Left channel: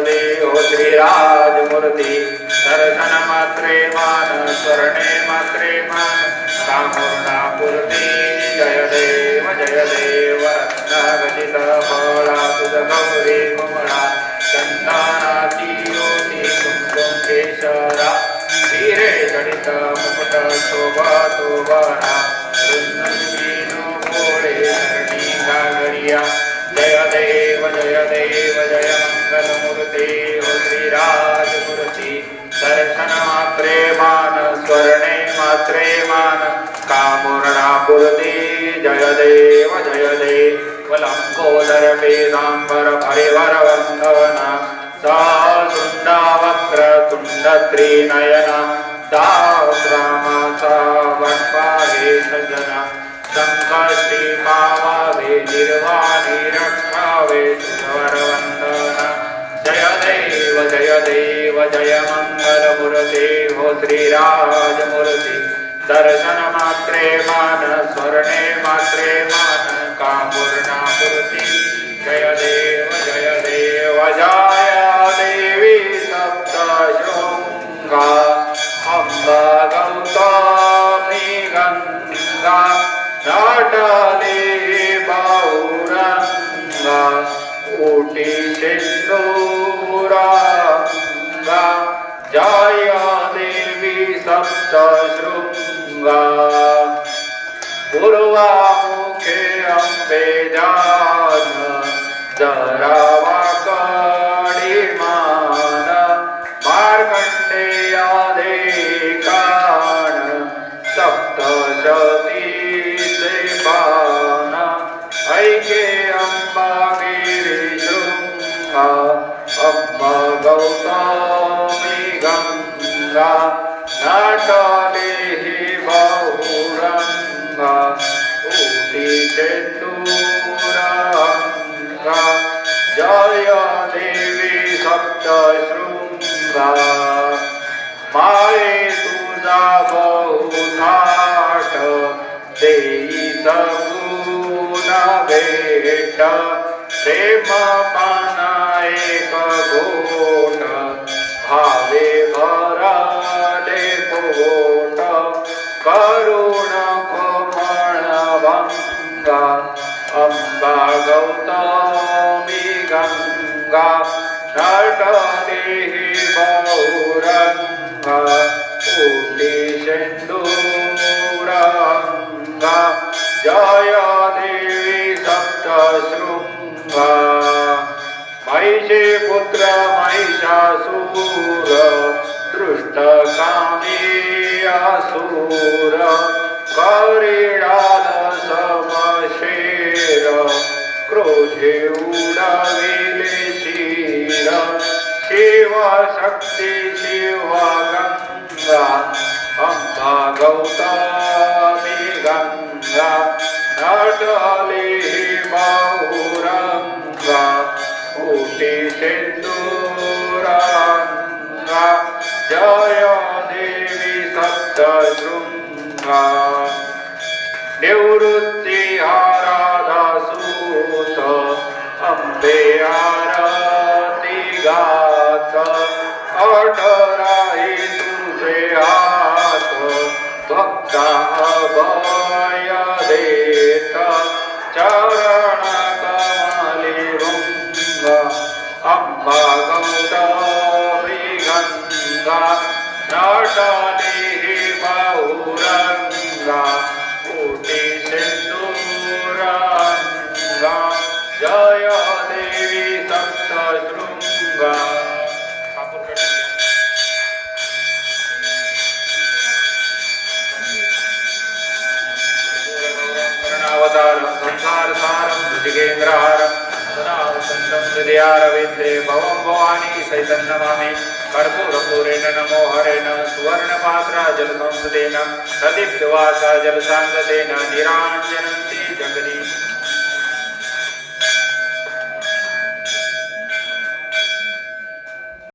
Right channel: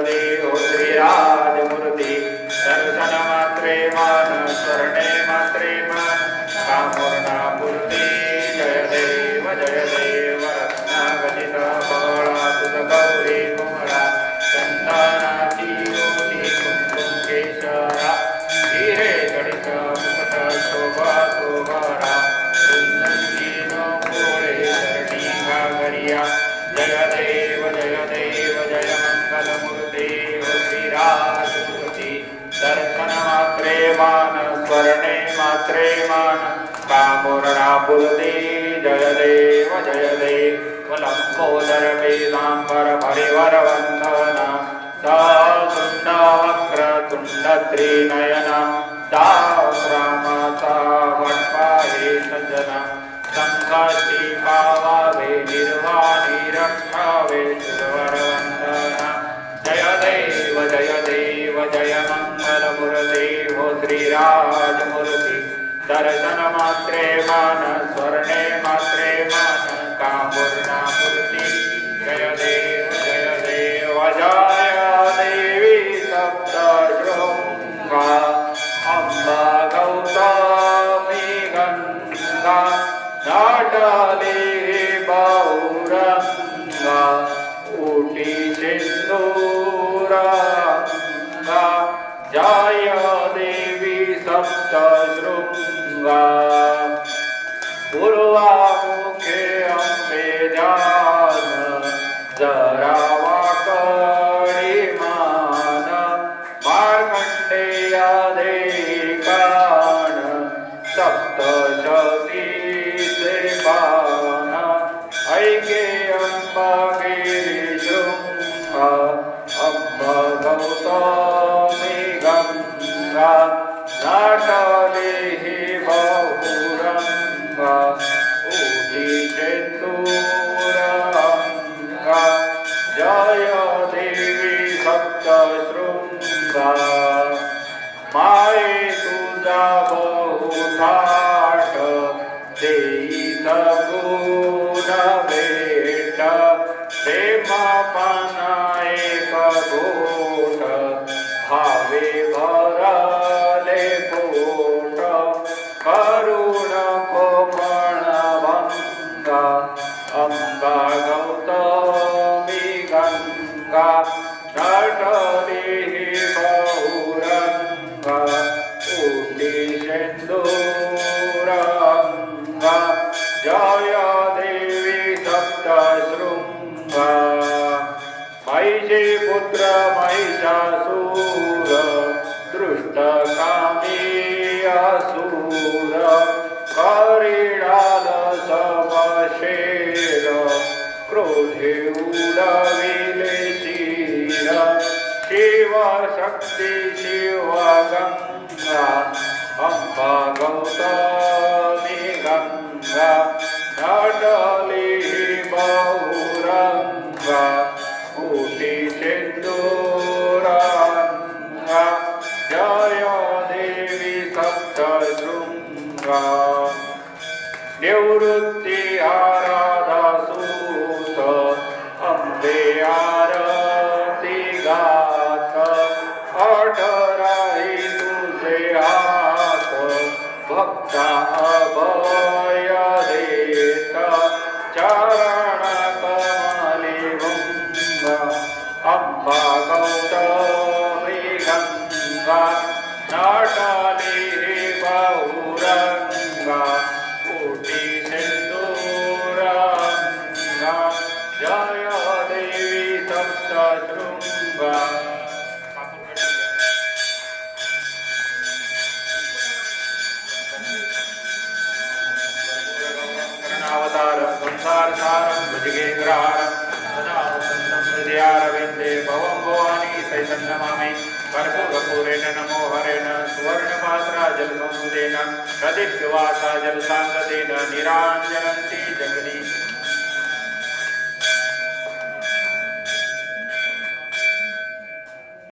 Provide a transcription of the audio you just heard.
जयदे हो श्रीराजमूर्ती दर्शन मात्रे मान स्मरणे मात्रे मान कामरूणापूर्ती जय देव रत्नागदित कमळा तुझ गौरी कमळा संतानाची मोठी कुंकुम केशरा हिरे जडित मुकुट शोभा तो बरा गोळे धरणी गागरिया जय देव जय मंगलमूर्ती हो श्रीराजमूर्ती दर्शन मात्रे मान स्मरणे मात्रे मान कामूर्णापूर्ती जय देव लंबोदर पीतांबर परिवर वंदना सहस्रुंड वक्र तुंड त्रिनयन दासरामाचा वटपाहे सजना संकष्टी पावावे निर्वाणी रक्षावे सुवर वंदना जय देव जय मंगलमूर्ती हो श्रीराजमूर्ती दर्शन मात्रे मान स्मरणे मात्रे मान कामूर्णापूर्ती जय देव जय देवी सप्तशृंगा अंबा गौतमी गंगा नाटले बहुरंगा ऊटी सिंदूरांगा जय देवी सप्तशृंगा पूर्वामुखे अंबे जान जरावा कडी मान मार्कंडेया देकान सप्तशतीचे बाण ऐके अंबा गिरिशृंगा अंबा गौतमी गंगा नाटले हि बहुरंगा ऊटी चेंदूरांगा जय देवी सप्तशृंगा माये तुझा बहुथाट देई सगुण भेट प्रेम पाना एक घोट भावे भरले पोट करुण कोमळ भंगा अंबा गौतमी गंगा नटले बहुरंगा ऊटी सिंदूरांगा जय देवी सप्तशृंगा महिषे पुत्र महिषासूर दृष्टकामी असुर करीडाल समशेर क्रोधे उडविले शिर शिवशक्ती शिवगंगा अंबा गौतमी गंगा नटले बहुरंगा ऊटी सिंदूरांगा जय देवी सप्तशृंगा निवृत्ती आराधा सूत अंबे आरती गात अठराही तुझे हात भक्ता अभय देत चरण कमले वंगा अंबा गौतमी गंगा नटले बहुरंगा ऊटी सिंदूरांगा जय देवी सप्तशृंगा संसार सारं मृतिकेन्द्रहारं सदा वसन्तं हृदयारविन्दे भवं भवानी सहितं नमामि कर्पूरपूरेण नमो हरेण सुवर्णपात्रा जलसंसदेन प्रदीप्तवासा जलसाङ्गतेन निराण